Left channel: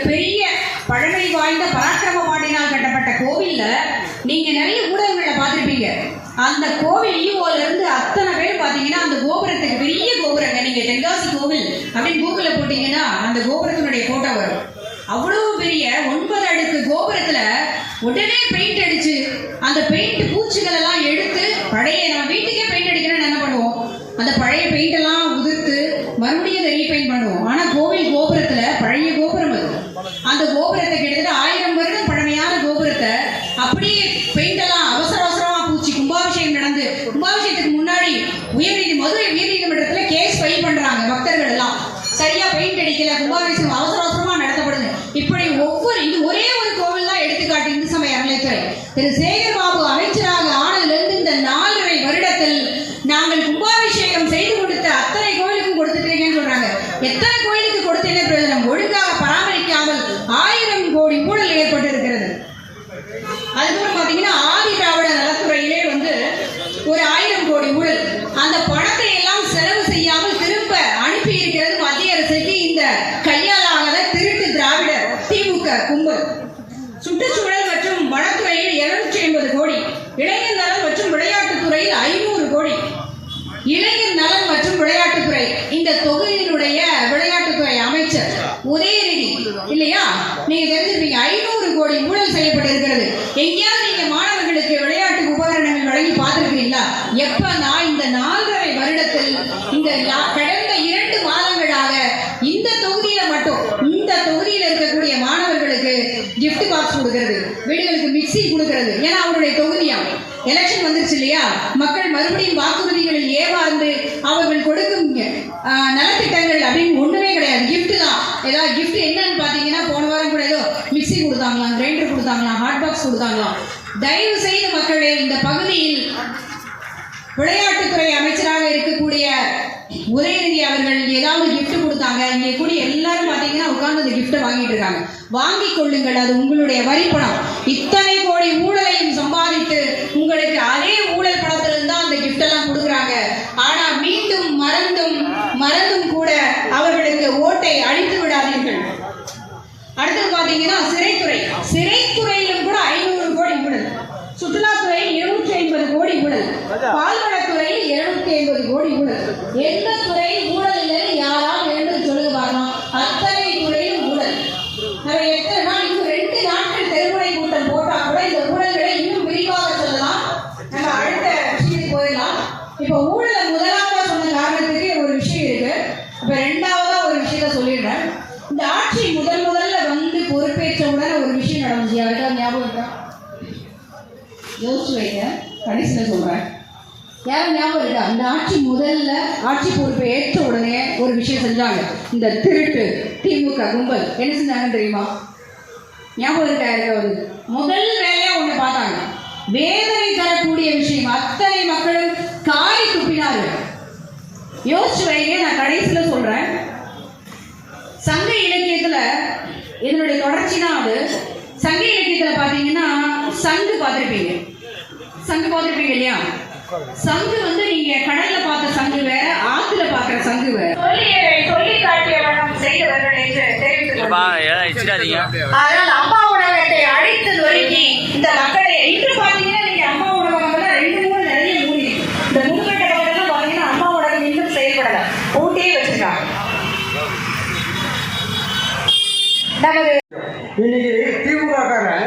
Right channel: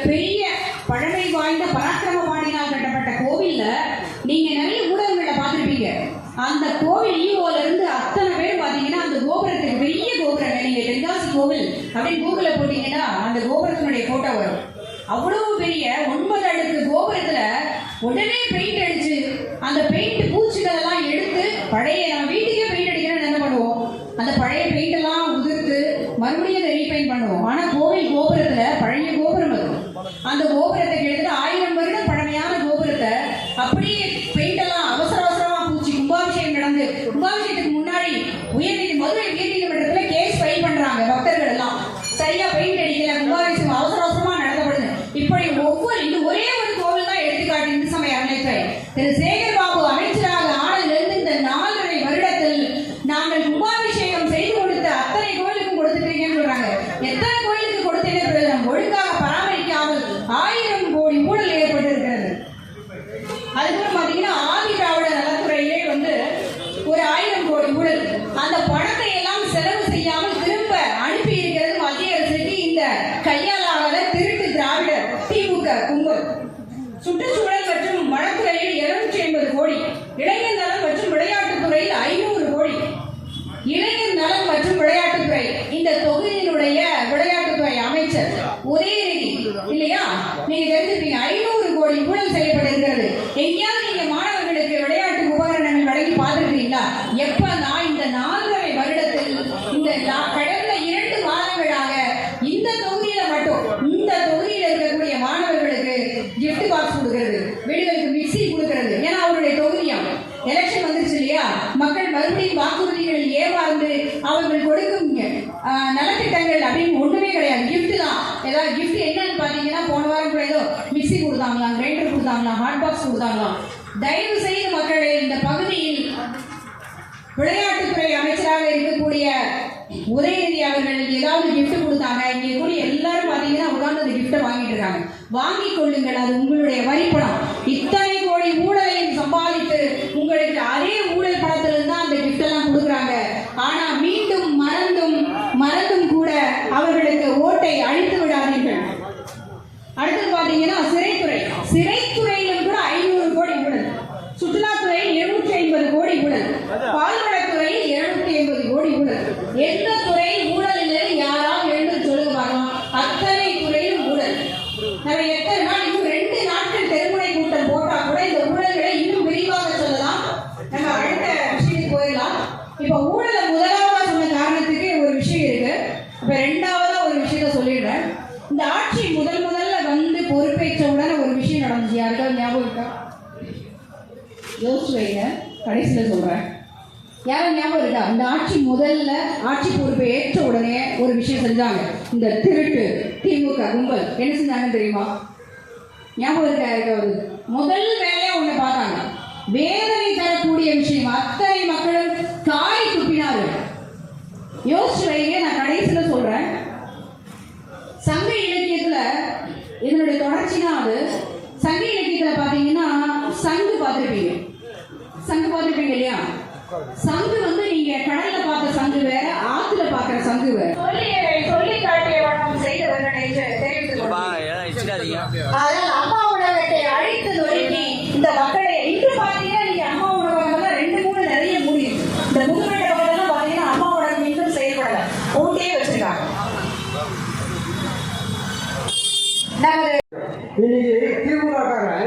மிகப்பெரிய பழமை வாய்ந்த பராக்கிரம பாண்டியனால் கட்டப்பட்ட கோவில்ல நீங்க நிறைய ஊடகங்களை பார்த்துருப்பீங்க. அந்த கோவில் ஈவோல இருந்து அத்தனை பேரும் பார்த்தீங்கன்னா அந்த கோபுரத்துக்கு பெரிய கோபுரங்க. நீங்க தென்காசி கோவில் அப்படின்னு கூகுளில் போட்டீங்கன்னா அந்த கோபுரத்தினுடைய போட்டோ வரும். அவ்வளவு பெரிய 9 அடுக்கு கோபுரத்துல உடனே பெயிண்ட் அடிச்சு அந்த பெயிண்ட் பூச்சிகள் எல்லாம் எடுத்து பழைய நம்ம வீட்டுக்கே பெயிண்ட் அடிக்கிறேன்னு என்ன பண்ணுவோம், அந்த பழைய பெயிண்ட் எல்லாம் உதிர்த்து மறுபடியும் அதை ரீபெயிண்ட் பண்ணுவோம். ஆனா கோவில் கோபுரத்துல பழைய கோபுரம் அது. அந்த கோபுரத்தை கிட்டத்தட்ட 1000 வருடம் பழமையான கோபுரத்தை அப்படியே பெயிண்ட் எல்லாம் அவசர அவசரமா பூச்சி கும்பாபிஷேகம் நடந்து கும்பாபிஷேகத்துக்கு முன்னாடி மதுரை உயர்நீதிமன்றத்துல கேஸ் ஃபைல் பண்றாங்க. பக்தர்கள் எல்லாம் சரியா பெயிண்ட் அடிக்கல, கும்பாபிஷேகம் அவசர அவசரமா நடத்தப்படுது. இப்படி இது ஒரே ஒரு கோவில் தான் எடுத்துக்காட்டு. இந்து சமய அறநிலையத்துறை திரு சேகர் பாபு அமைச்சராக ஆனதிலிருந்து இந்த 4.5 வருடத்தில் நாங்கள் கும்பாபிஷேகம் செய்து கொடுத்த அத்தனை கோயிலுக்கும் கொடுத்துட்டீங்கன்னு சொல்றாங்க. எத்தனை கோயிலுக்கு கொடுத்தீங்க பிரயோஜனம்? ஒழுங்காக பராமரிக்காமல் 1000 கோடி ஊழல் ஏற்பட்டு இருக்கிறது. அதுக்கப்புறம் பாத்தீங்கன்னா ஆதி திராவிட நலத்துறையிலே ஒரு 1000 கோடி ஊழல். அந்த பணத்தை எல்லாம் செலவு செய்யாமல் திரும்ப அனுப்பி இருக்கிறது மத்திய அரசுக்கு இந்த கையாலாகாத திருட்டு திராவிட திமுக கும்பல். சுற்றுச்சூழல் மற்றும் வனத்துறையில் 250 கோடி, இளைஞர் நலன் மற்றும் விளையாட்டுத்துறையில் 500 கோடி. இளைஞர் நலன் மற்றும் விளையாட்டுத்துறை இந்த தொகுதியினுடைய விளையாட்டுத்துறை அமைச்சர் உதயநிதி இல்லையா, நீங்க தெரிஞ்சிருப்பீங்க. 500 கோடி ஊழல் செய்யப்பட்டிருக்கிறது. எங்கேயாவது நீங்க மாணவர்களுக்கு விளையாட்டு உபகரணங்கள் வழங்கி பார்த்திருக்கீங்களா? எப்பனா இந்த 4.5 வருடத்தில் இந்த கடந்த 2 மாதங்களாக இந்த தொகுதியில மட்டும் இந்த தொகுதியில் இருக்கக்கூடிய மாணவர்களுக்கு gift பாக்ஸ் கொடுக்கிறது, வீடுகளுக்கு மிக்சி கொடுக்கிறது. ஏன்னா அவருடைய தொகுதியா எலெக்ஷன் வந்துருச்சு இல்லையா, மக்கள் மறுபடியும் வாக்குறுதிகளில் ஏமாந்து அவர்கள் கொடுக்கும் நலத்திட்டங்கள் அப்படின்னு ஒண்ணுமே கிடையாது. கிஃப்ட் தான். ஏதாவது கிஃப்ட் என்னன்னு பாத்தீங்கன்னா போன வாரம் கூட ஏதோ மிக்சி கொடுத்தாங்களாம், கிரைண்டர் கொடுத்தாங்களாம், ஹாட் பாக்ஸ் கொடுத்தாங்களாம். தயவு செய்து மக்களே, இந்த பகுதியில் விளையாட்டுத்துறை அமைச்சராக இருக்கக்கூடிய உதயநிதி அவர்கள் ஏதாவது கிஃப்ட் கொடுத்தாங்க, இங்கே கூடிய எல்லாரும் பாத்தீங்கன்னா உட்கார்ந்து அந்த கிஃப்ட்டை வாங்கிட்டு இருக்காங்க. வாங்கிக் கொள்ளுங்கள், அது உங்களுடைய வரிப்பணம். இத்தனை கோடி ஊழலையும் சம்பாதித்து உங்களுக்கு அதே ஊழல் பணத்திலிருந்து தான் அந்த கிஃப்ட் எல்லாம் கொடுக்குறாங்க. ஆனா மீண்டும் மறந்தும் கூட அவர்களுக்கு ஓட்டை அழித்து விடாதீர்கள். அடுத்து பாத்தீங்கன்னா சிறைத்துறையிலும் கூட 500 கோடி ஊழல், சுற்றுலாத்துறையில் 750 கோடி ஊழல், பால்வளத்துறையில் 750 கோடி ஊழல். எந்த துறையில் ஊழல் இல்லைன்னு யாராவது எழுந்து சொல்லுங்க பார்க்கலாம். அத்தனை துறையிலும் ஊழல். நம்ம எத்தனை நாள், இன்னும் 2 நாட்கள் தெருமுனை கூட்டம் போட்டா கூட இந்த ஊழல்களை இன்னும் விரிவாக சொல்லலாம். நம்ம அடுத்த விஷயத்துக்கு போயிடலாம். இப்போ ஊழலை முதலாவதா சொன்ன காரணத்துக்கு ஒரு விஷயம் இருக்கு. இப்ப 2வதா ஒரு விஷயத்த சொல்லிடுறேன். இந்த ஆட்சி முதல்ல வந்து பொறுப்பேற்ற உடனே ஒரு விஷயம் நடந்துச்சு. யாருக்கா ஞாபகம் இருக்கா? யோசிச்சு வைங்க, கடைசியில் சொல்றேன். யாரும் ஞாபகம் இருக்கா? இந்த ஆட்சி பொறுப்பை ஏற்ற உடனே ஒரு விஷயம் செஞ்சாங்க. இந்த திருட்டு திமுக கும்பல் என்ன செஞ்சாங்கன்னு தெரியுமா? ஞாபகம் இருக்கா? யாருக்காவது? முதல் வேலையா ஒண்ணு பார்த்தாங்க. வேதனை தரக்கூடிய விஷயம். அத்தனை மக்களும் காரி துப்பினார்கள். யோசிச்சு வைங்க, நான் கடைசியில சொல்றேன். சங்க இலக்கியத்துல இதனுடைய தொடர்ச்சி தான் அது. சங்க இலக்கியத்துல பாத்தீங்கன்னா சங்கு பார்த்திருப்பீங்க இல்லையா? சங்கு நீங்க கடல்ல பார்த்த சங்கு வேற, ஆத்துல பாக்குற சங்கு வேற. சொல்லி காட்டிய வண்ணம் செய்தவர்கள் என்று தெரிவித்துக் அதனால் அம்மா உணவகத்தை அழைத்தது வரைக்கும் இந்த மக்களை இன்று பாத்தீங்கன்னா நீங்க அம்மா உணவகம்லாம் 2-3 நிறைய மூடி. இந்த முன்கட்ட பக்கத்துல பாத்தீங்கன்னா அம்மா உணவகம் இன்னும் செயல்படல, ஊட்டியே வச்சிருக்காங்க. இன்னைக்கு திமுககாரன்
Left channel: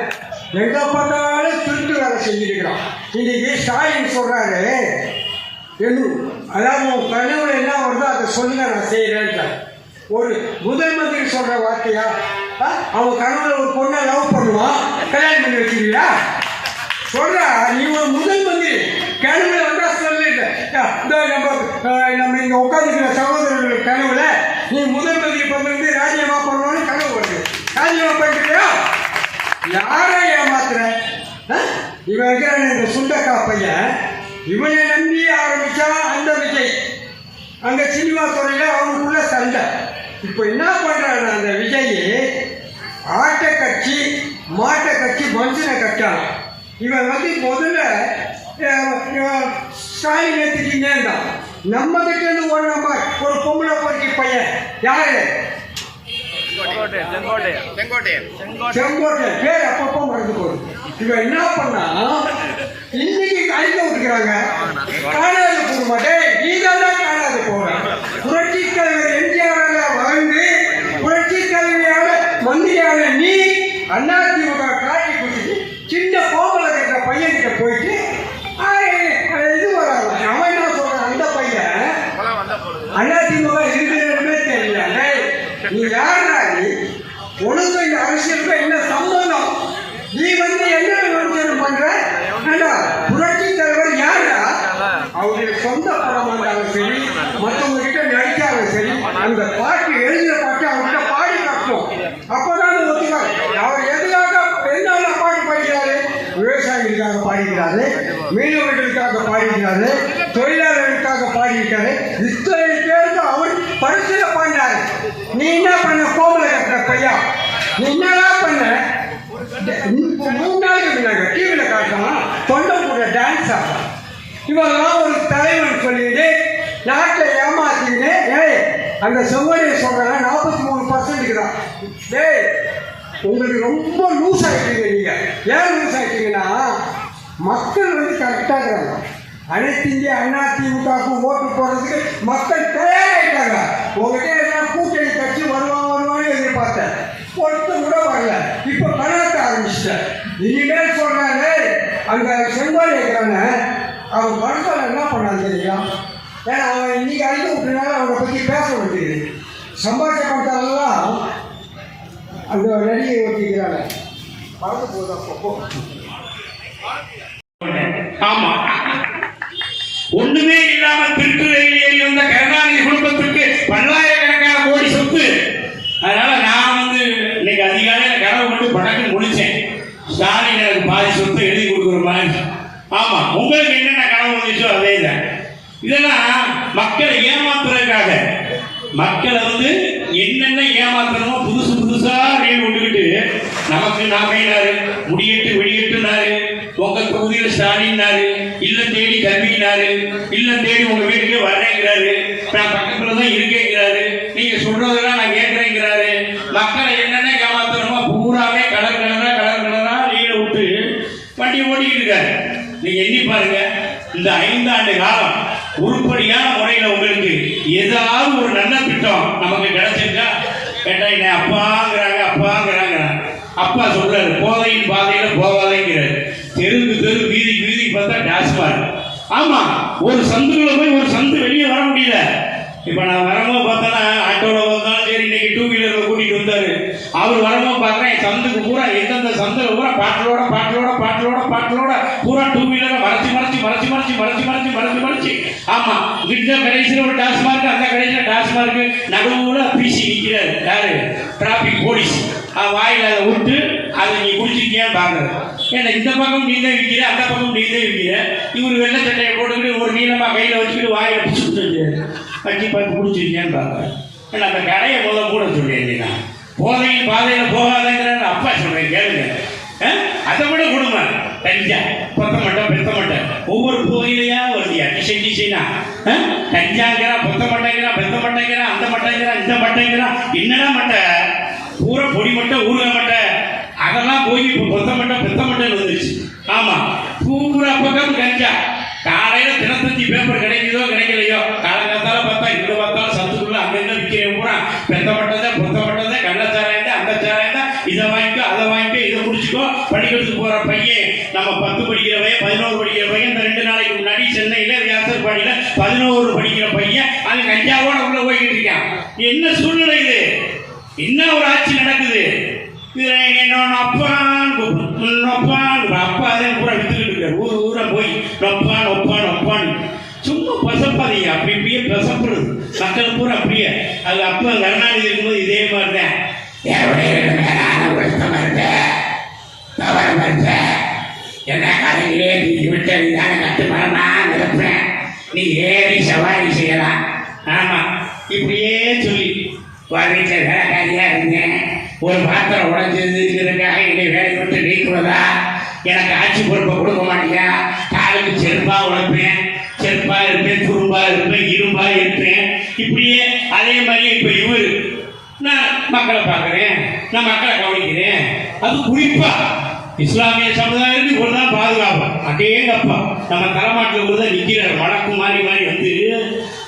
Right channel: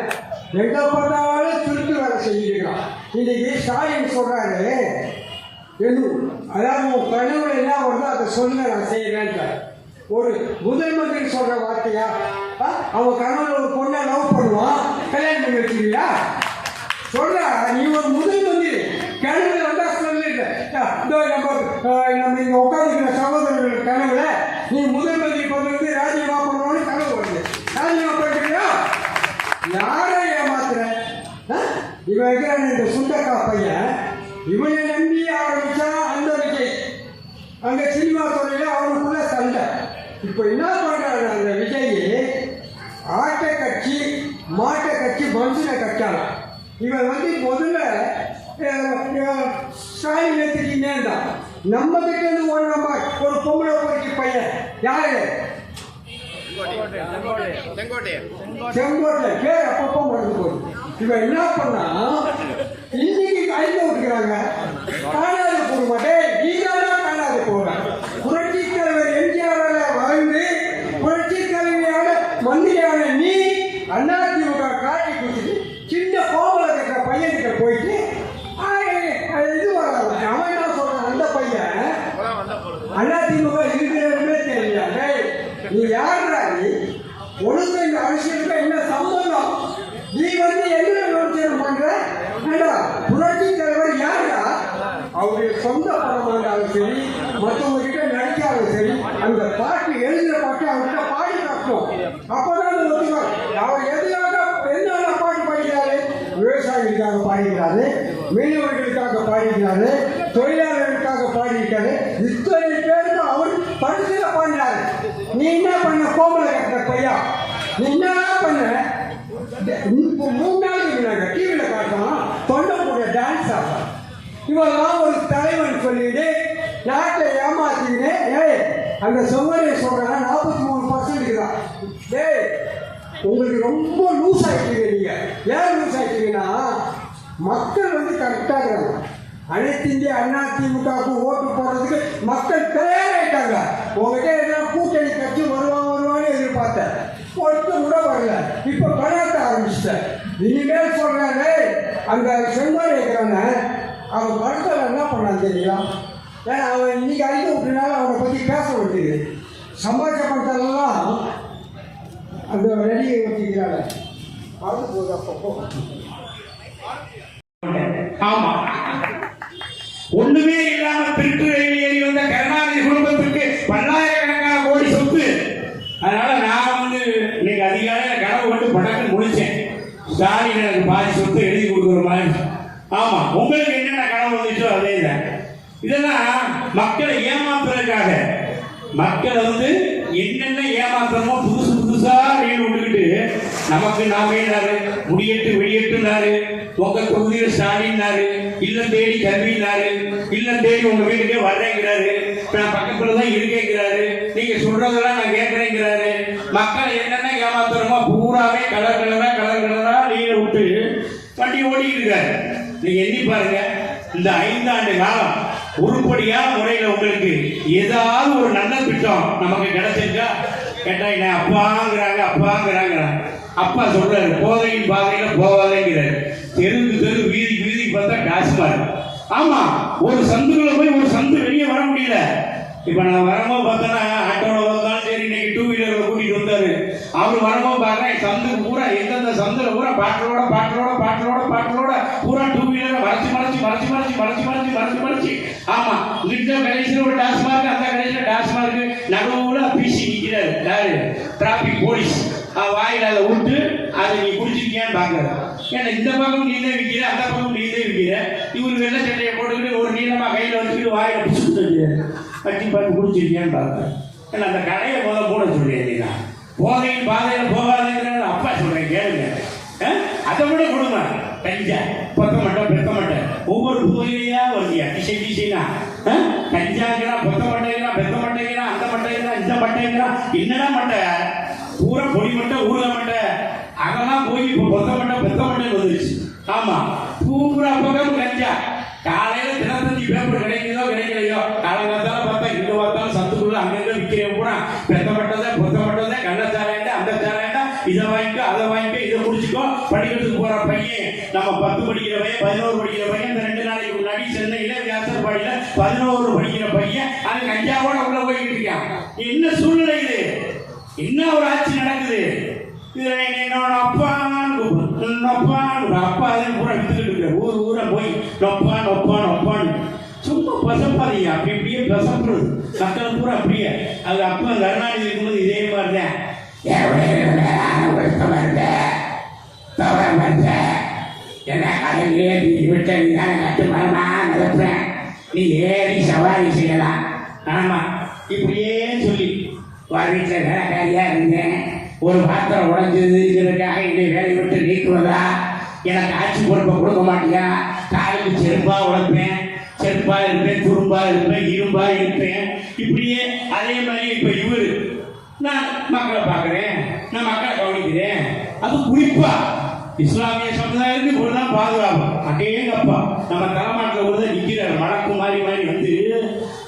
எங்க பார்த்தாலும் திருட்டு வேலை செஞ்சிருக்கிறான். இன்னைக்கு ஸ்டாலின் சொல்றாரு, அதாவது உன் கனவுல என்ன வருதோ அதை சொல்லுங்க, நான் செய்யறேன். ஒரு முதல் மந்திரி சொல்ற வார்த்தையா? அவன் கனவுல ஒரு பொண்ணை லவ் பண்ணுவான், கல்யாணம் பண்ணி வச்சிருக்கீங்களா? சொல்றா, நீ ஒரு முதல் மந்திரி கனவுல வந்தா சொல்லிட்டு நம்ம இங்க உட்காந்துக்கிற சகோதரர்கள் கனவுல நீ முதல் மந்திரி வந்து ராஜினாமா பண்ணணும்னு கனவு வருது. ராஜினாமா பண்ணிருக்கியா? யாரை ஏமாத்துற? இவன் இருக்கிறான் இந்த சுண்டக்கா பையன், இவனை நம்பி ஆரம்பிச்சா அந்த விஜய். அங்க சினிமா துறையில அவனுக்குள்ள சண்டை. இப்போ என்ன பண்றான் அந்த விஜய்? ஆட்டை கட்சி மாட்டை கட்சி மனுஷனை கட்டானான். இவன் முதல்ல ஸ்டாலின் எடுத்துக்கிட்டே தான் நம்ம கிட்ட இருந்து ஓடினமா ஒரு பொம்பளை பொறுக்கி பையன். யாரு? செங்கோட்டை பேர் அப்பப்போ மறந்து போகுது. இவன் என்ன பண்ணா இன்னைக்கு கழிக்க விட்டுக்கிறாங்க. காணாது போக மாட்டேன், நீதான் காணாது போற. புரட்சி தலைவர் எம்ஜிஆரால வாழ்ந்து புரட்சி தலைவியால மந்திரியான நீ அதிமுக காட்டி கொடுத்துட்டு சின்ன கோமலை கட்டுற பையன்கிட்ட போயிட்டு இது வராது. அவன் என்ன சொல்றான், அந்த பையன் அதிமுக இருக்கிறதுமே தெரியல. நீ யாரா, நீ உனக்கு இந்த அரசியலுக்கு என்ன சம்பந்தம்? நீ வந்து என்ன விமர்சனம் பண்ற? புரட்சி தலைவர் யாரா? அவருடைய சொந்த படமா இருந்தாலும் சரி, மற்றவங்க கிட்ட நடிச்சாலும் சரி, அந்த பாட்டு எழுதின பாட்டு அவர்கிட்ட பாடி காட்டணும். அப்பதான் ஒத்துக்காரு. அவர் எதுக்காக என்னால பாட்டு பாடிக்கிறாரு? விவசாயிகளுக்காக பாடிக்கிறாரு, மீனவர்களுக்காக பாடிக்கிறாரு, தொழிலாளர்களுக்காக பாடிக்கிறாரு. இத்தனை பேருக்கு அவர் பரிசுல பாடினாரு. நீ என்ன பண்ண கோமலை கட்டுற பையா? நீ என்னதான் பண்ண? 3 நாளைக்கு முன்னாங்க டிவியில் காட்டலாம் தொண்டை போடுற டான்ஸ் ஆகும். இவெல்லாம் ஒரு தலைவன் சொல்லிட்டு நாட்டில் ஏமாத்தின்னு அந்த செவ்வடியை சொல்கிறாங்க 43% தான். உங்களுக்கு ரொம்ப லூஸ் ஆகிட்டீங்க. நீங்கள் ஏன் லூஸ் ஆகிட்டீங்கன்னா மக்கள் வந்து கரெக்டாக இருக்காங்க. அனைத்து இந்திய அதிமுகவுக்கு ஓட்டு போடுறதுக்கு மக்கள் தயாராகிட்டாங்க. உங்ககிட்ட எல்லாம் கூட்டணி கட்சி வருவான்னு எதிர்பார்த்தேன், பொறுத்து கூட வரல. இப்போ கலாட்ட ஆரம்பிச்சிட்டேன். இனிமேல் சொல்றாங்க அங்க செங்கோல் இருக்கிறாங்க, அவன் படத்தில் என்ன பண்ணான்னு தெரியல. ஏன்னா அவன் இன்னைக்கு அழிக்க விட்டுனால அவனை பற்றி பேச வேண்டியது. சம்பாதிச்ச பணத்தாலெல்லாம் அந்த நடிகை ஓட்டிக்கிறாங்க. மறந்து போகுது அப்பப்போ. ஆமா, ஒண்ணுமே இல்லாம திருட்டு ஏறி வந்த கருணாநிதி குடும்பத்திற்கு பல்லாயிரக்கணக்கான கோடி சொத்து. அதனால நான் வந்து இன்னைக்கு அதிகாலையில கனவு கொண்டு படக்கு முடிச்சேன். ஸ்டாலின் எனக்கு பாதி சொத்து எழுதி கொடுக்குற மாதிரி. ஆமா, உங்களுக்கு என்னென்ன கனவு வந்துச்சோ அதே தான். இதெல்லாம் மக்களை ஏமாத்துறதுக்காக. மக்களை வந்து என்னென்ன ஏமாத்தணுமோ புதுசா வேணும் விட்டுக்கிட்டு நமக்கு நாமையினாரு முடியட்டு வெளியேட்டுனாரு, உங்க தொகுதியில் ஸ்டாலின்னாரு, இல்லம் தேடி கல்வினாரு, இல்லம் தேடி உங்க வீட்டுக்கே வர்றேங்கிறாரு, நான் பக்கத்துல தான் இருக்கேங்கிறாரு, நீங்க சொல்றதெல்லாம் நான் கேட்கிறேங்கிறாரு. மக்களை என்னென்ன ஏமாத்தணுமோ பூராவே கலர் கலரா நீரை விட்டு வண்டி ஓட்டிக்கிட்டு இருக்காரு. நீங்க எண்ணி பாருங்க, இந்த 5 ஆண்டு காலம் உருப்படியான முறையில் உங்களுக்கு ஏதாவது ஒரு நல்ல திட்டம் நமக்கு கிடைச்சிருக்கா? கேட்டா என்ன அப்பாங்கிறாங்க. அப்பா சொல்றாரு போதையின் பாதையில போகாதேங்கிறாரு. தெருக்கு வீதி பார்த்தா டாஸ்மாக். ஆமா, ஒரு சந்துக்குள்ள போய் ஒரு சந்து வெளியே வர முடியல. இப்ப நான் வரும்போது பார்த்தோன்னா ஆட்டோல வந்தாலும் சரி, இன்னைக்கு 2 வீலர்ல கூட்டிட்டு வந்தாரு. அவர் வரும்போது பார்க்குறேன் சந்துக்கு பூரா எந்தெந்த சந்துல பூரா பாட்டிலோட பூரா 2 வீலரை மறைச்சு. ஆமா, இங்க கடைசியில் ஒரு டாஸ்மார்க், அந்த கடைசியில் டாஸ்மார்க், நடுவுல பிசி நிற்கிறாரு. யாரு? Traffic police. வாயில அதை விட்டு அதை நீ குடிச்சிருக்கியான்னு பாக்குறது. ஏன்னா இந்த பக்கம் நீ தான் விற்கிற, அந்த பக்கம் நீ தான் விற்கிற. இவர் வெள்ளை சட்டையை போட்டுக்கிட்டு ஒரு நீளமா கையில வச்சுக்கிட்டு வாயில பிடிச்சிட்டு வச்சு பார்த்து குடிச்சிருக்கியான்னு பாக்குறேன். ஏன்னா அந்த கடையை போட சொல்லியிருந்தீங்க. போதையின் பாதையில போகாதேங்கிற அப்பா சொல்றேன் கேளுங்க. அதை விட கொடுமை கஞ்சா பெத்த மாட்டேன் ஒவ்வொரு போதையிலையா வருதியா டிசைனா கஞ்சாங்கிறா பெத்த மாட்டேங்கிறா அந்த மாட்டேங்கிறா இந்த மாட்டேங்கிறா. என்னடா மட்டை பூரா பொடி மட்டை ஊருக மட்டை அதெல்லாம் போய் இப்போ பெத்த மட்டைன்னு வந்துருச்சு. ஆமா, பூரா பக்கம் கஞ்சா. காலையில தினத்தஞ்சி பேப்பர் கிடைக்குதோ கிடைக்கலையோ, காலங்காத்தால பார்த்தா இங்க பார்த்தாலும் சத்துக்குள்ள அங்கங்க விற்கிறேன் பூரா பெத்த மட்டை கள்ளச்சாராயம் அந்த சாராயம் இதை வாங்கிக்கோ அதை வாங்கிக்கோ இதை குடிச்சுக்கோ. படிக்கிறதுக்கு போற பையன் நம்ம 10 படிக்கிற பையன் 11 படிக்கிற பையன் இந்த 2 நாளைக்கு முன்னாடி சென்னையில வியாசர்பாடியில 11 படிக்கிற பையன் அந்த கஞ்சாவோட உள்ள போய்கிட்டு இருக்கான். என்ன சூழ்நிலை இது? என்ன ஒரு ஆட்சி நடக்குது? இதுல என்னோட அப்பா அதே பூரா வித்துக்கிட்டு இருக்காரு. ஊரை போய் நொப்பான்னு சும்மா பசப்பாதீங்க. அப்படியே பசப்புறது மக்கள் பூரா அப்படியே. அது அப்பா கருணாநிதி இருக்கும்போது இதே மாதிரிதான் என்ன கரையிலே விட்டு கட்டுமானா நினைப்பேன். நீ ஏறி சவாரி செய்யலாம். ஆமா, இப்படியே சொல்லி வீட்டில் வேலைக்காரியா இருந்தேன். ஒரு பாத்திரம் உடைஞ்சதுங்கிறதுக்காக என்னை வேலை விட்டு நீக்குவதா? எனக்கு ஆட்சி பொறுப்பை கொடுக்க மாட்டியா? காலுக்கு செருப்பா உழைப்பேன், செருப்பா இருப்பேன், துரும்பா இருப்பேன், இரும்பா இருப்பேன். இப்படியே அதே மாதிரி இப்ப இவர் நான் மக்களை பார்க்குறேன், நான் மக்களை கவனிக்கிறேன். அது குறிப்பா இஸ்லாமிய சமுதாயத்துக்கு இவ்வளவுதான் பாதுகாப்பு. அடேங்கப்பா, நம்ம தலைமாட்டில் கூட நிற்கிறார் வழக்கு மாறி மாறி வந்து.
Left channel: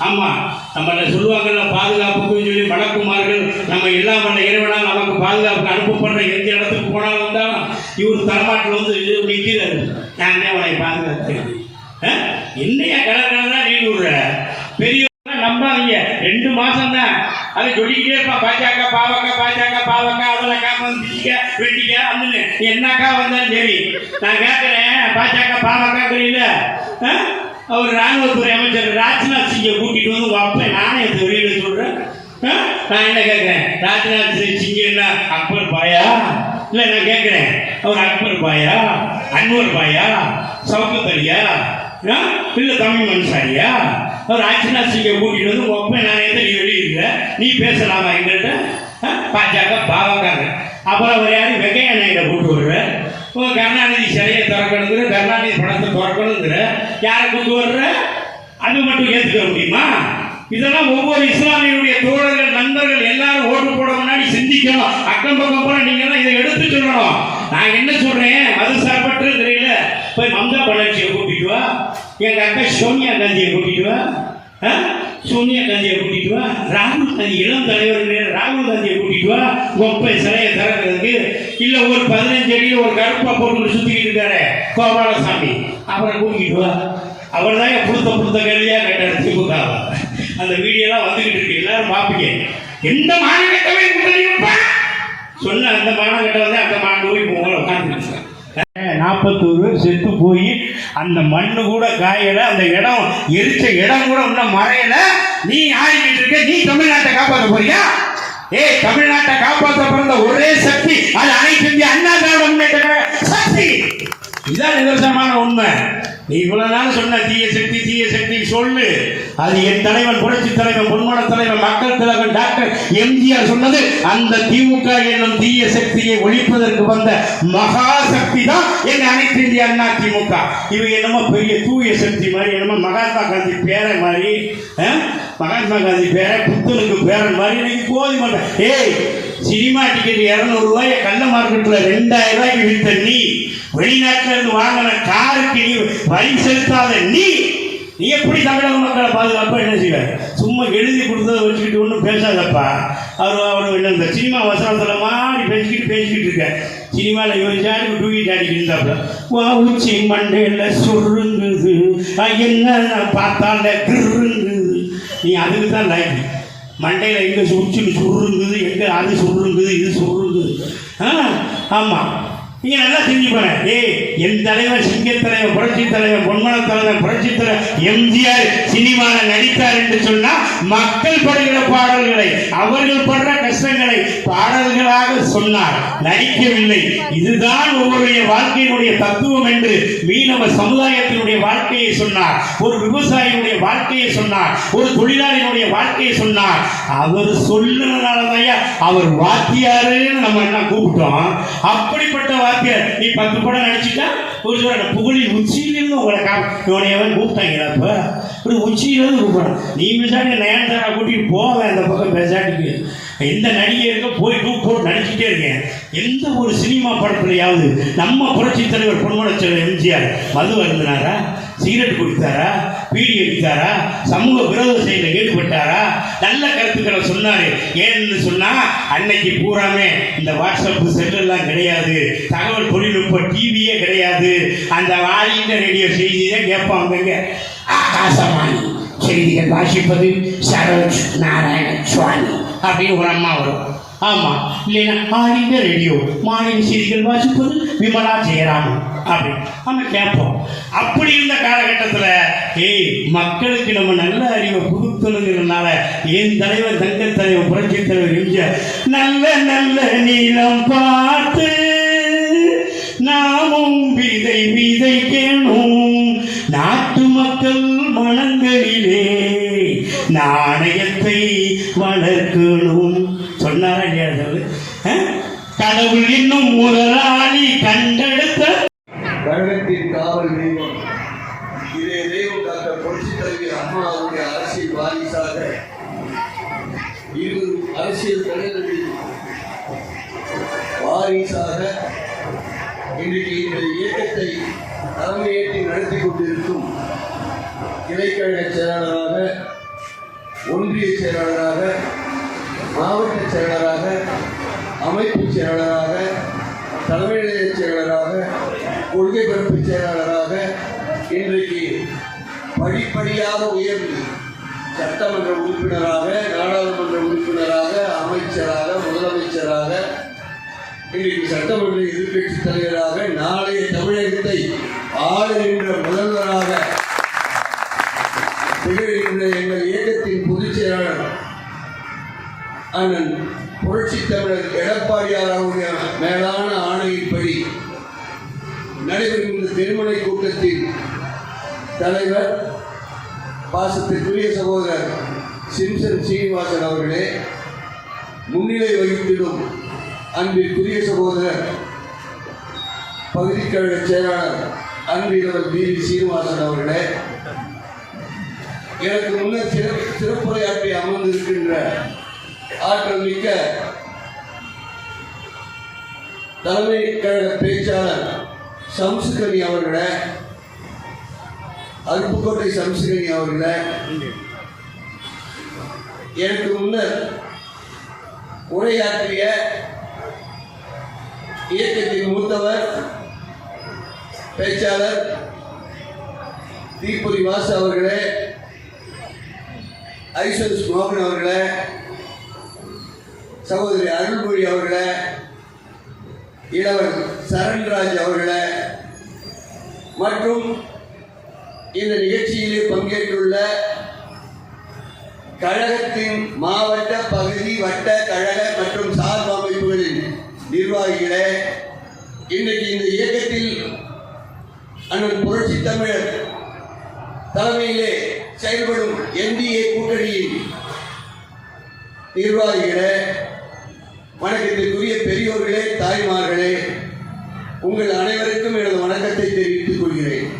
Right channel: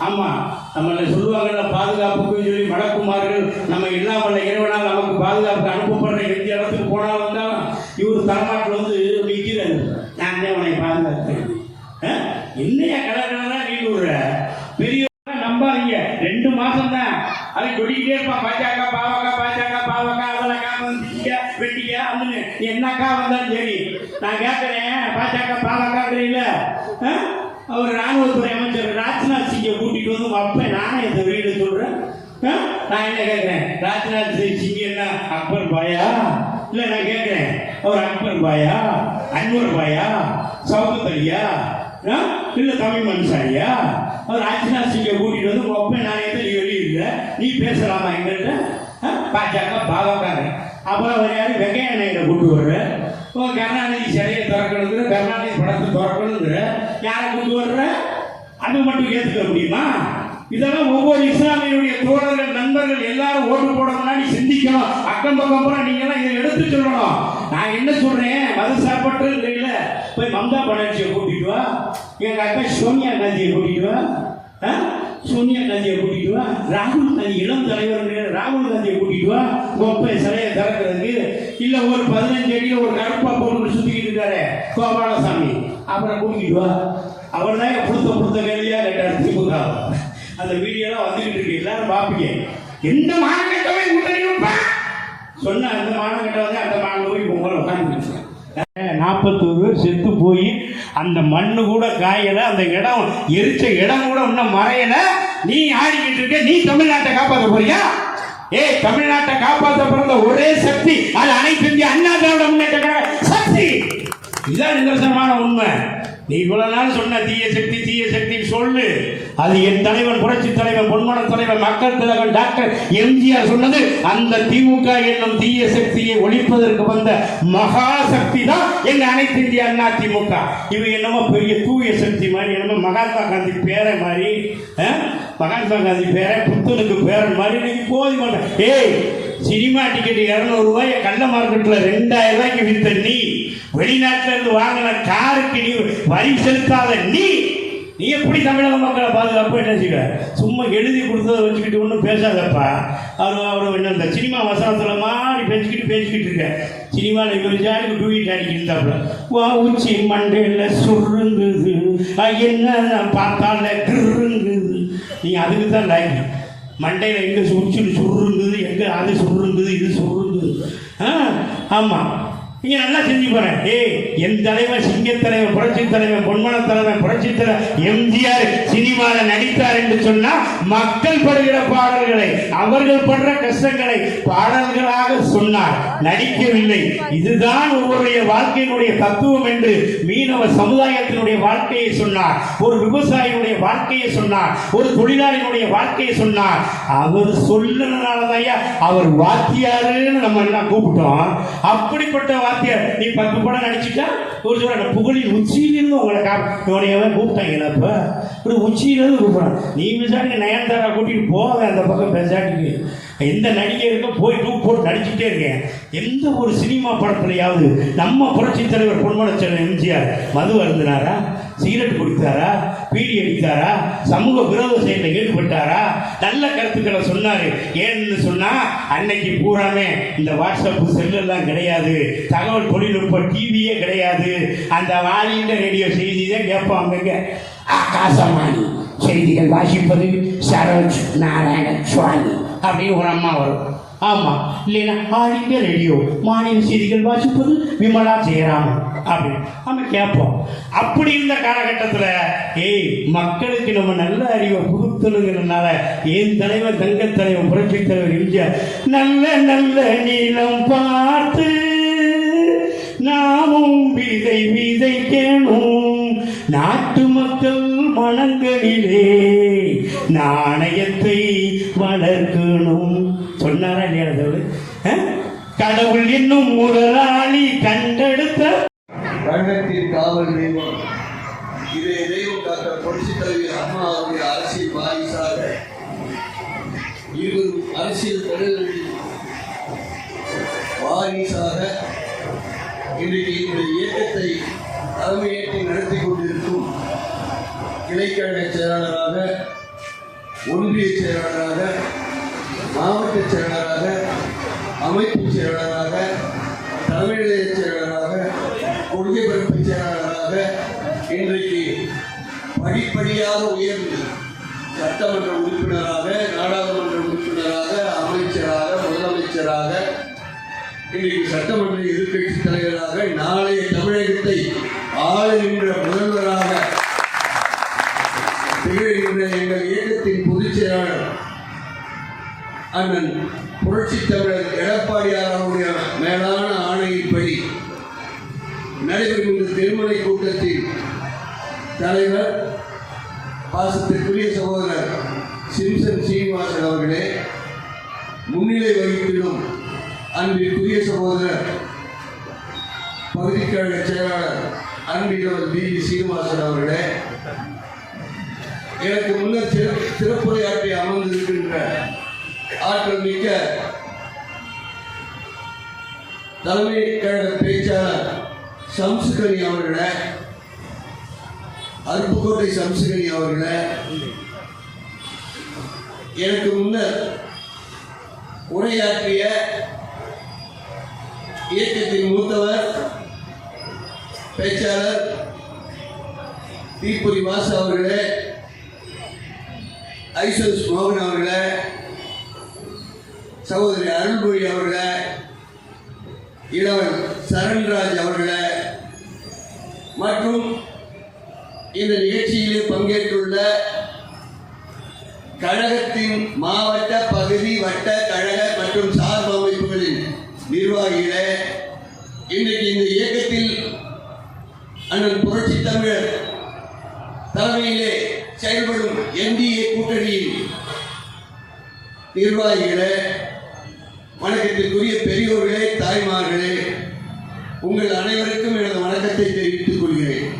ஆமா, நம்மள சொல்லுவாங்கல்ல, பாதுகாப்புக்கு சொல்லி வழக்குமார்கள் நம்ம எல்லாம் பண்ண இறைவனால் நமக்கு பாதுகாப்பு அனுப்பப்படுற எந்த இடத்துக்கு போனாலும் தான் இவர் தலைமாட்டில் வந்து நிற்கிறாரு. நான் உன்னை பாதுகாத்தேன். என்னையா கலர்தான் நீ விடுற பெரிய நம்பாதீங்க. 2 மாசம் தான் அதை சொல்லிக்கிட்டே இருப்பா. பாஜக பாவக்கா, பாஜக பாவக்கா, அவளக்கா வந்துக்க வெட்டிக்க வந்து என்னக்கா வந்தாலும் சரி. நான் கேட்கிறேன், பாஜக பாவக்காங்கிறீங்கள, அவர் ராணுவத்துறை அமைச்சர் ராஜ்நாத் சிங்கை கூட்டிட்டு வந்து வைப்பேன். நானே இந்த வெளியில சொல்றேன். நான் என்ன கேட்கிறேன், ராஜ்நாத் சிங் என்ன அக்பர் பாயா? இல்லை, நான் கேட்கிறேன், அவர் அக்பர் பாயா, அன்வர் பாயா, சவுகத் அலியா, இல்லை தமிழ் மனுஷாரியா? அவர் ராஜ்நாத் சிங்கை கூட்டிட்டு வந்து வைப்பேன். நான் எந்த நீ வெளியில நீ பேசலாமா எங்கள்கிட்ட? பாஜக பாவக்காக. அப்புறம் அவர் யாரும் வெங்கையா நாயுட கூட்டு வர்ற, கருணாநிதி சிலையை திறக்கணுங்கிற, கருணாநிதி படத்தை திறக்கணுங்கிற, யாரை கூட்டு வர்ற? அது மட்டும் ஏற்றுக்க முடியுமா? இதெல்லாம் ஒவ்வொரு இஸ்லாமியனுடைய தோழர்கள், நண்பர்கள் எல்லாரும் ஓட்டு போட முன்னாடி சிந்திக்கணும். அக்கம் பக்கம் போல நீங்க எல்லாம் இதை எடுத்து சொல்லணும். நான் என்ன சொல்றேன், மது சார்பற்ற தெரியல, போய் மம்தா பானர்ஜியை கூட்டிட்டு வா, எங்க அக்கா சோனியா காந்தியை கூட்டிட்டு வா, சோனியா காந்தியை கூட்டிட்டு வா, ராகுல் காந்தி இளம் தலைவர் ராகுல் காந்தியை கூட்டிட்டு வா, கொப்பை சிலையை திறக்கிறதுக்கு. இல்ல ஒரு 15 அடியில் ஒரு கருப்பா போட்டு சுத்திக்கிட்டு இருக்காரு கோபாலசாமி, அவரை கூட்டிட்டு வா. அவர் தான் புடுத்த கேள்வியா கேட்டார் திமுக. அந்த வீடியோலாம் வந்துகிட்டு இருக்கு, எல்லாரும் பார்ப்பீங்க. எந்த மாநகரத்தவை சொன்ன அந்த மாநகரத்தை வந்து அந்த போய் உங்களை உட்காந்துருச்சு. 41 பேர் செத்து போய் அந்த மண்ணு கூட காயல, அந்த இடம் எரிச்ச இடம் கூட இன்னும் மறையல. நீ ஆடிக்கிட்டு இருக்க, நீ தமிழ்நாட்டை காப்பாற்ற போறியா? தமிழ்நாட்டை காப்பாற்ற பிறந்த ஒரே சக்தி அது அனைத்து இந்திய அண்ணா திராவிட முன்னேற்ற சக்தி. இதான் நிதர்சனமான உண்மை. நீ இவ்வளவு நாள் சொன்ன தீய சக்தி சொல்லு. அது என் தலைவன், புரட்சி தலைவன், பொன்மன தலைவன், மக்கள் தலைவன் டாக்டர் எம்ஜிஆர் சொன்னது. அந்த திமுக என்னும் தீய சக்தியை ஒழிப்பதற்கு வந்த மகா சக்தி தான் எங்க அனைத்து இந்திய அண்ணா திமுக. இவங்க என்னமோ பெரிய தூய சக்தி மாதிரி, என்னமோ மகாத்மா காந்தி பேரை மாதிரி, மகாத்மா காந்தி பேரை புத்தனுக்கு பேரன் மாதிரி இன்னைக்கு போதி மாட்டேன். சினிமா டிக்கெட் 200 ரூபாய் கள்ள மார்க்கெட்ல 2000 ரூபாய்க்கு வித்த நீ, வெளிநாட்டில இருந்து வாங்கின காருக்கு நீ வரி செலுத்தாத நீ எப்படி தமிழக மக்களை பாதுகாப்பு என்ன செய்வ? சும்மா எழுதி கொடுத்ததை வச்சுக்கிட்டு ஒன்றும் பேசாதப்பா. அவர் இந்த சினிமா வசனத்தில் மாதிரி பேசிக்கிட்டு இருக்க. சினிமாவில் இவருச்சாலும் டூயிட் அடிக்கிட்டு இருந்தாப்புல, உச்சி மண்டையில் சுருங்குது, என்ன பார்த்தால கிருங்குது. நீ அதுக்கு தான் லைக். மண்டையில் எங்கே உச்சி சுருங்குது, எங்கே அது சுருங்குது, இது சுருங்குது. ஆமாம், நீங்க நல்லா செஞ்சுப்பாங்க. என் தலைவர், சிங்க தலைவர், புரட்சி தலைவர், பொன்மன தலைவர், புரட்சி தலைவர் எம்ஜிஆர் சினிமாவில் நடித்தார் என்று சொன்னா மக்கள் படுகிற பாடல்களை, அவர்கள் படுற கஷ்டங்களை பாடல்களாக சொன்னார், நடிக்கவில்லை. இதுதான் ஒவ்வொருடைய வாழ்க்கையினுடைய தத்துவம் என்று மீனவ சமுதாயத்தினுடைய வாழ்க்கையை சொன்னார், ஒரு விவசாயியுடைய வாழ்க்கையை சொன்னார், ஒரு தொழிலாளியினுடைய வாழ்க்கையை சொன்னார். அவர் சொல்லுறதுனாலதான் அவர் வாத்தியாருன்னு நம்ம எல்லாம் கூப்பிட்டோம். அப்படிப்பட்ட வாத்தியார் நீ 10 படம் நடிச்சுட்டா ஒரு சொல்ற புகழின் உச்சியிலிருந்து உங்களை இவனையவன் கூப்பிட்டாங்களா? இப்ப உச்சியிலிருந்து கூப்பிடணும். நீ விசாரணை நயன்தாரா கூட்டிட்டு போக அந்த பக்கம் பேசாட்டிக்கு எந்த நடிகருக்கு போய் போட்டு நடிச்சுட்டே இருக்கேன். எந்த ஒரு சினிமா படத்துலையாவது நம்ம புரட்சி தலைவர் பொன்மன செல்வன் எம்ஜிஆர் மது அருந்தினாரா, சிகரெட் குடித்தாரா, பீடி அடித்தாரா, சமூக விரோத செயலில் ஈடுபட்டாரா, நல்ல கருத்துக்களை சொன்னாரு. ஏன்னு சொன்னா அன்னைக்கு பூராமே இந்த வாட்ஸ்அப் செல்லெல்லாம் கிடையாது, தகவல் தொழில்நுட்ப டிவியே கிடையாது. அந்த வாலிந்த ரேடியோ செய்தி தான் கேட்பாங்க. ஆகாசவாணி செய்திகள் வாசிப்பது சரோஜ் நாராயண சுவாமி அப்படின்னு ஒரு அம்மா வரும். ஆமா, இல்லைன்னா ஆல் இந்தியா ரேடியோ மாநில செய்திகள் வாசிப்பது விமலா ஜெயராமன் அப்படின்னு நம்ம கேட்போம். அப்படி இருந்த காலகட்டத்தில் மக்களுக்கு நம்ம நல்ல அறிவை புதுத்தணுங்கிறதுனால என் தலைவர், தங்க தலைவர், புரட்சி தலைவர் எம்ஜிஆர் நல்ல நல்ல நீளம் பார்த்து நாமும் விதை விதைக்கணும், நாட்டு மக்கள் மனங்களிலே நாணயத்தை வளர்க்கணும் சொன்னாரா இல்லையா? கடவுள் இன்னும் முதலாளி கண்டெடுத்த கழகத்தின் காவல் தெய்வம் இதே தெய்வம் டாக்டர் புரட்சித் தலைவர் அம்மா அவருடைய அரசியல் வாரிசாக 20 அரசியல் தலைவர்களின் வாரிசாக இன்றைக்கு இந்த இயக்கத்தை தலைமையேற்று நடத்தி கொண்டிருக்கும் கிளைக்கழக செயலாளராக, ஒன்றிய செயலாளராக, மாவட்ட செயலாளராக, அமைப்பு செயலாளராக, தலைமை நிலைய செயலாளராக, கொள்கை பரப்பு செயலாளராக இன்றைக்கு படிப்படியாக உயர்ந்து சட்டமன்ற உறுப்பினராக, நாடாளுமன்ற உறுப்பினராக, அமைச்சராக, முதலமைச்சராக, இன்றைக்கு சட்டமன்ற எதிர்க்கட்சி தலைவராக, நாளைய தமிழகத்தை ஆளுகின்ற முதல்வராக திகழ்கின்ற எங்கள் இயக்கத்தின் பொதுச் செயலாளர் அண்ணன் புரட்சி தமிழர் எடப்பாடியார் அவருடைய மேலான ஆணையின்படி நடைபெறுகின்ற திருமணை கூட்டத்தில் தலைவர் பாசத்திற்குரிய சகோதரர் சிம்சன் சீனிவாசன் அவர்களே, முன்னிலை வகித்திடும் அன்பிற்குரிய சகோதரர் பகுதிக்கழக செயலாளர் அன்பிலவர் பி சீனிவாசன் அவர்களே, எனக்கு முன்னர் சிறப்புரையாற்றி அமர்ந்திருக்கின்ற ஆற்றல் மிக்க தலைமை கழக பேச்சாளர் சம்சுகனி அவர்களே, அருப்புக்கோட்டை சம்சுகனி அவர்களே, எனக்கு முன்னர் உரையாற்றிய இயக்கத்தின் மூத்தவர் பேச்சாளர் தீபுரி வாசு அவர்களே, ஐசன்ஸ் மோகன் அவர்களே, சகோதரி அருள்மொழி அவர்களே, இளவல் சரண்ராஜ் அவர்களே மற்றும் இந்த நிகழ்ச்சியிலே பங்கேற்றுள்ள கழகத்தின் மாவட்ட, பகுதி, வட்ட, கழக மற்றும் சார்பு அமைப்புகளின் நிர்வாகிகளே, இன்றைக்கு இந்த இயக்கத்தில் அண்ணன் புரட்சி தமிழர் தலைமையிலே செயல்படும் NDA கூட்டணியின் நிர்வாகிகளே, வணக்கத்திற்குரிய பெரியோர்களே, தாய்மார்களே, உங்கள் அனைவருக்கும் எனது வணக்கத்தை தெரிவித்துக் கொள்கிறேன்.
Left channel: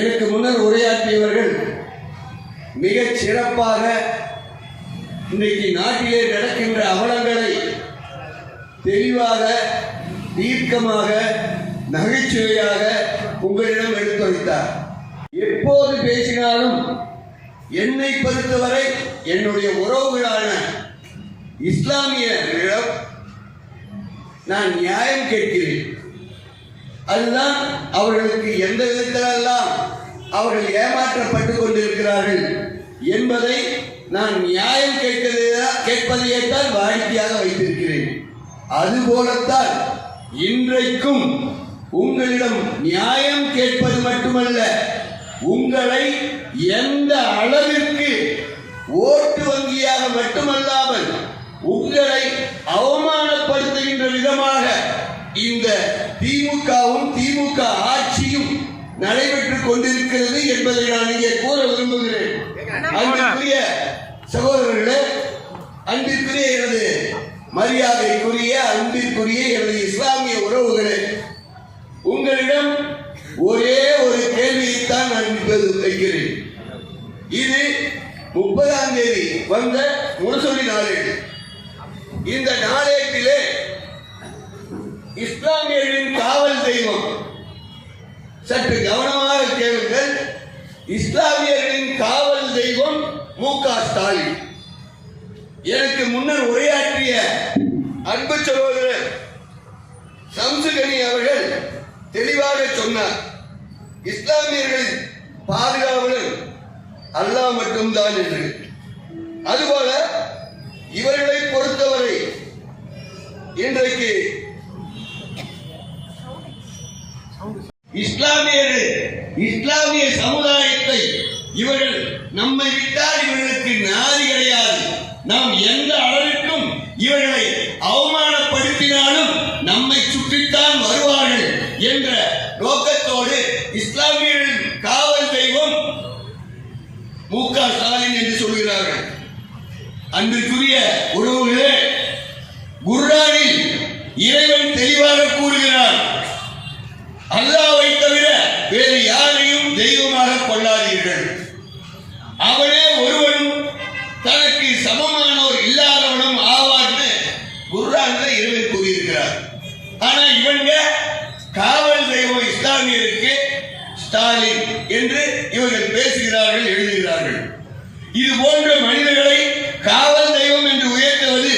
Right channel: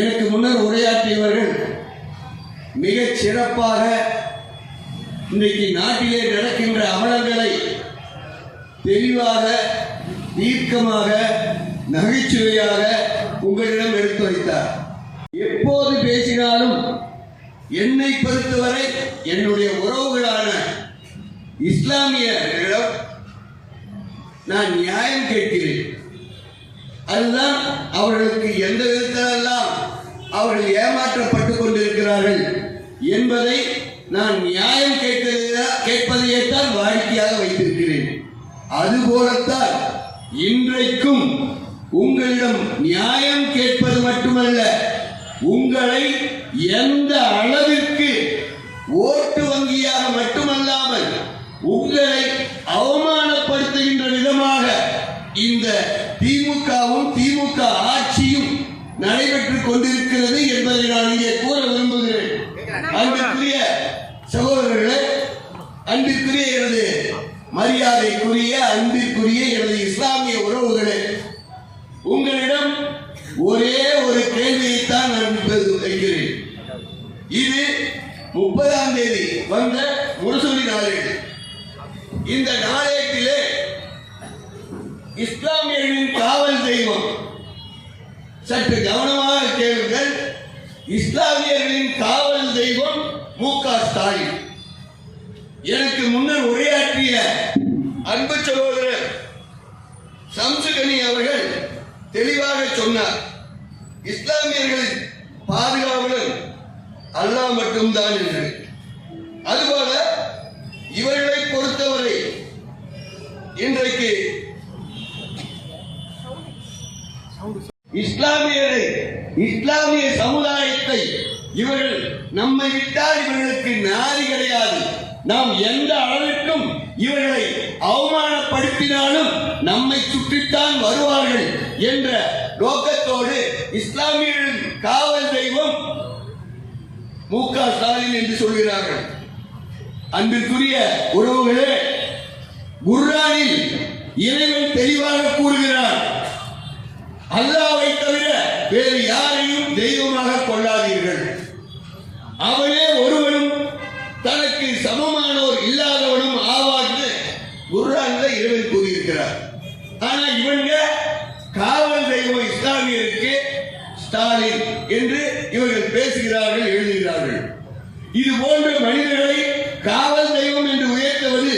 எனக்கு முன்னர் உரையாற்றியவர்கள் மிகச் சிறப்பாக இன்றைக்கு நாட்டிலே நடக்கின்ற அவலங்களை தெளிவாக, தீர்க்கமாக, நகைச்சுவையாக உங்களிடம் எடுத்துரைத்தார். எப்போது பேசினாலும் என்னை பொறுத்தவரை என்னுடைய உறவுகளான இஸ்லாமியர்களிடம் நான் நியாயம் கேட்கிறேன். அதுதான் அவர்களுக்கு எந்த விதத்திலெல்லாம் அவர்கள் ஏமாற்றப்பட்டுக் கொண்டிருக்கிறார்கள் என்பதை நான் நியாயம் கேட்பதையேத்தான் வாடிக்கையாக வைத்திருக்கிறேன். அதுபோலத்தான் இன்றைக்கும் உங்களிடம் நியாயம் கேட்பது மட்டுமல்ல, உங்களை எந்த அளவிற்கு ஓட்டு வங்கியாக மட்டுமல்லாமல் உங்களை அவமானப்படுத்துகின்ற விதமாக இந்த திமுகவும் திமுக ஆட்சியும் நடைபெற்றுக் கொண்டிருக்கிறது என்பதை நான் இங்கே கூற விரும்புகிறேன். அன்பிற்குரிய சகோதரர்களே, அன்பிற்குரிய எனது மரியாதைக்குரிய, அன்பிற்குரிய எனது இஸ்லாமிய உறவுகளே, உங்களிடம் ஒரே ஒரு கேள்வியைத்தான் நான் இப்போது வைக்கிறேன். இது 30ஆம் தேதி வந்த முரசொலி நாளேடு. இந்த நாளேட்டிலே இஸ்லாமியர்களின் காவல் தெய்வம், சற்று கவனமாக கேளுங்கள், இஸ்லாமியர்களின் காவல் தெய்வம் மு.க. ஸ்டாலின். எனக்கு முன்னர் உரையாற்றிய அன்பு சகோதரர் சம்சுகனி அவர்கள் தெளிவாக சொன்னார், இஸ்லாமியர்களின் பாதுகாவலர் அல்லாஹ் மட்டும்தான் என்று. அதுபோல இவர்களை பொறுத்தவரை இன்றைக்கு இஸ்லாமிய சமுதாயத்தை இவர்கள் நம்மை விட்டால் இவர்களுக்கு நாதி கிடையாது. நாம் எந்த அளவிற்கும் இவர்களை அவமானப்படுத்தினாலும் நம்மை சுற்றித்தான் வருவார்கள் என்ற நோக்கத்தோடு இஸ்லாமியர்களின் காவல் தெய்வம் மு.க. ஸ்டாலின் என்று சொல்கிறார்கள். அன்பிற்குரிய உறவுகளே, குர்ஆனில் இறைவன் தெளிவாக கூறுகிறார், அல்லாஹ்வை தவிர வேறு யாரையும் தெய்வமாக கொள்ளாதீர்கள். அவனே ஒருவனும் தனக்கு சமமானோர் குர்ஆன்ல இறைவன் கூறியிருக்கிறார். ஆனா இவங்க காவல் தெய்வம் இஸ்லாமியருக்கு ஸ்டாலின் என்று இவர்கள் பேசுகிறார்கள், எழுதுகிறார்கள். இது போன்ற மனிதர்களை காவல் தெய்வம் என்று உயர்த்துவது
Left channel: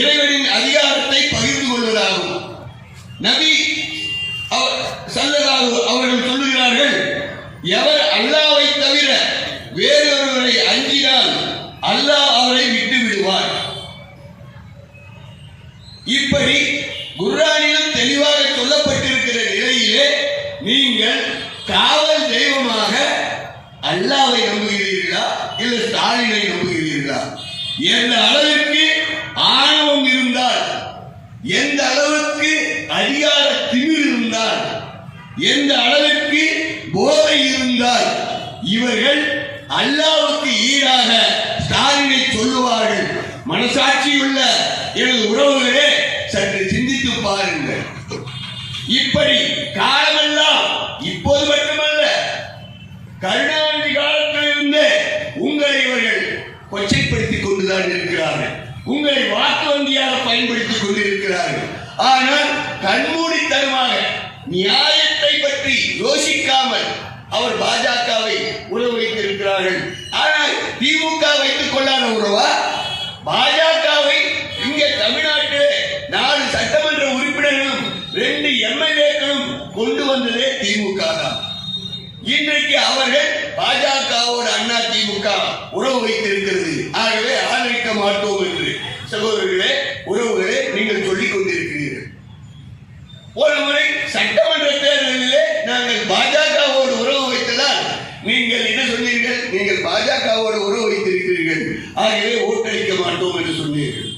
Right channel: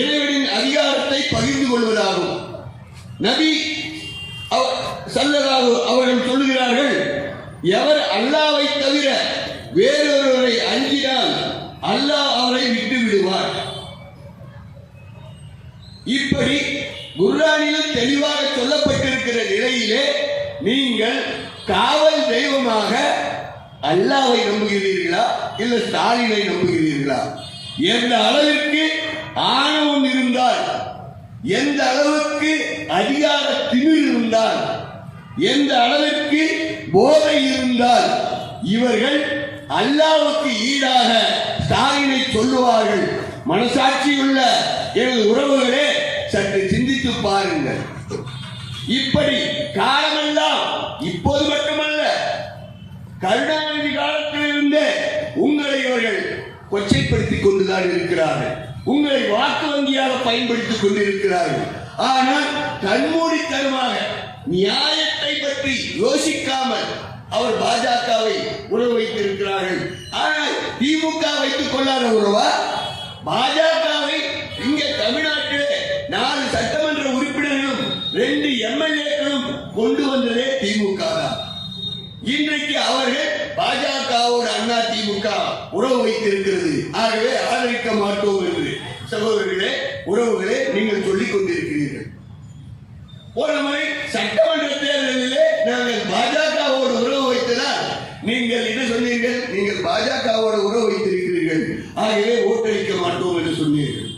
இறைவனின் அதிகாரத்தை பகிர்ந்து கொள்வதாகும். நபி ஸல்லல்லாஹு அவர்கள் சொல்லுகிறார்கள், எவர் அல்லாஹ்வை தவிர வேறொருவரை அஞ்சினால் அல்லாஹ் அவரை விட்டு விடுவார். இப்படி குர்ஆனில் தெளிவாக சொல்லப்பட்டிருக்கிற நிலையிலே நீங்கள் காவல் தெய்வமாக அல்லாஹ்வை நம்புகிறீர்களா இல்ல ஸ்டாலினை நம்புகிறீர்களா? எந்த அளவிற்கு ஆணவம் இருந்தால், எந்த அளவுக்கு அதிகார திமிர் இருந்தால், எந்த அளவிற்கு போதை இருந்தால் இவர்கள் அல்லாஹ்வுக்கு ஈடாக ஸ்டாலினை சொல்லுவார்கள்? மனசாட்சியுள்ள எனது உறவுகளே, சற்று சிந்தித்து பாருங்கள். இப்படி காலமெல்லாம், இப்போது மட்டுமல்ல, கருணாநிதி காலத்தில் இருந்தே உங்களை இவர்கள் கொச்சைப்படுத்திக் கொண்டுதான் இருக்கிறார்கள். உங்களை வாக்கு வங்கியாக பயன்படுத்திக் கொண்டிருக்கிறார்கள். ஆனால் கண்மூடித்தனமாக நியாயத்தை பற்றி யோசிக்காமல் அவர் பாஜகவை உறவு வைத்திருக்கிறார்கள். ஆனால் திமுக வைத்துக் கொள்ளாத உறவா? பாஜகவை இங்கே தமிழ்நாட்டிலே 4 சட்டமன்ற உறுப்பினர்களும் 2 எம்எல்ஏக்களும் கொண்டு வந்ததே திமுக தான். இன்றைக்கு அவர்கள் பாஜகவோடு அண்ணா திமுக உறவு வைத்திருக்கிறது. ஆகவே ஆதரிக்க மாட்டோம் என்று சகோதரர்களே, உறவுகளே, நீங்கள் சொல்லிக் கொண்டிருக்கிறீர்கள். ஒரு முறை சட்டமன்ற தேர்தலிலே நாங்கள் பாஜகவோடு உறவு வைத்ததால் நீங்கள் என்ன சொன்னீர்கள்? நீங்கள் பாஜகவோடு உறவு வைத்திருக்கிறீர்கள், ஆகவே ஓட்டளிக்க மாட்டோம் என்று சொன்னீர்கள்.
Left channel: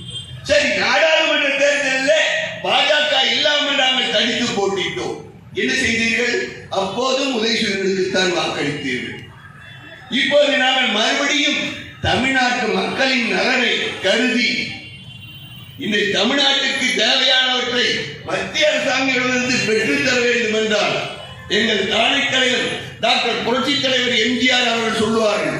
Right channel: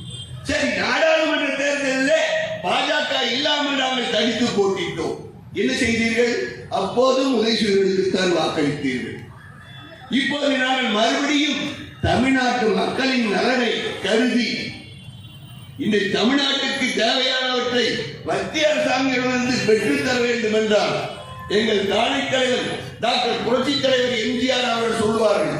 சரி, நாடாளுமன்ற தேர்தலில் பாஜக இல்லாமல் நாங்கள் தனித்து போட்டிட்டோம். என்ன செய்தீர்கள்? அப்போதும் உதயசூரியனுக்குத்தான் வாக்களித்தீர்கள். இப்போது நாங்கள் மறுபடியும் தமிழ்நாட்டு மக்களின் நலனை கருதி இந்த தமிழ்நாட்டுக்கு தேவையானவற்றை மத்திய அரசாங்கத்திலிருந்து பெற்றுத்தர வேண்டும் என்றால் எங்கள் தானை தலைவர் டாக்டர் புரட்சி தலைவர் எம்ஜிஆர் அவர்கள் சொல்லுவார்கள்,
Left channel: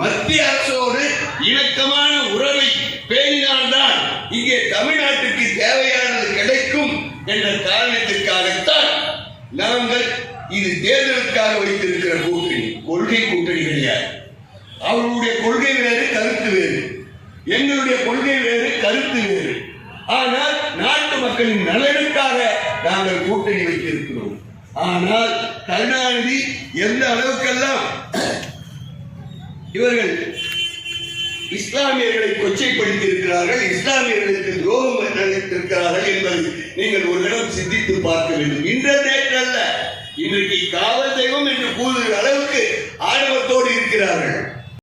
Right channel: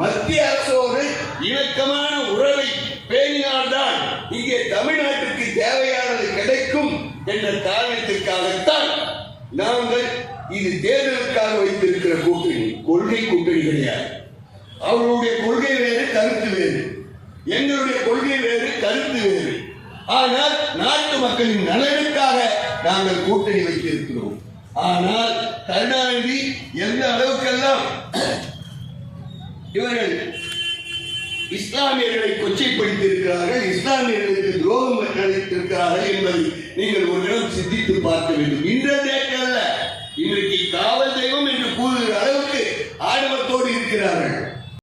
மத்திய அரசோடு இணக்கமான உறவை பேணினால்தான் இங்கே தமிழ்நாட்டுக்கு தேவையானது கிடைக்கும் என்ற காரணத்திற்காகத்தான் நாங்கள் இது தேர்தலுக்காக வைத்திருக்கிற கூட்டணி, கொள்கை கூட்டணி கிடையாது. அவர்களுடைய கொள்கை வேறு, கருத்து வேறு. எங்களுடைய கொள்கை வேறு, கருத்து வேறு. ஆனால் நாட்டு மக்களின் நலனுக்காக நாங்கள் கூட்டணி வைத்திருக்கிறோம். ஆனால் கருணாநிதி எந்த அளவுக்கெல்லாம் இவர்கள் இஸ்லாமியர்களை கொச்சைப்படுத்தியிருக்கிறார்கள், இஸ்லாமியர்களுக்கு துரோகம் நினைத்திருக்கிறார்கள் என்பதை நீங்கள் ஒரு இடம் சிந்தித்து பார்க்க வேண்டும். இன்றைக்கு காவல் தெய்வம் என்று கூறுகிற அளவுக்கு ஆணவத்தோடு இருக்கிறார்கள்.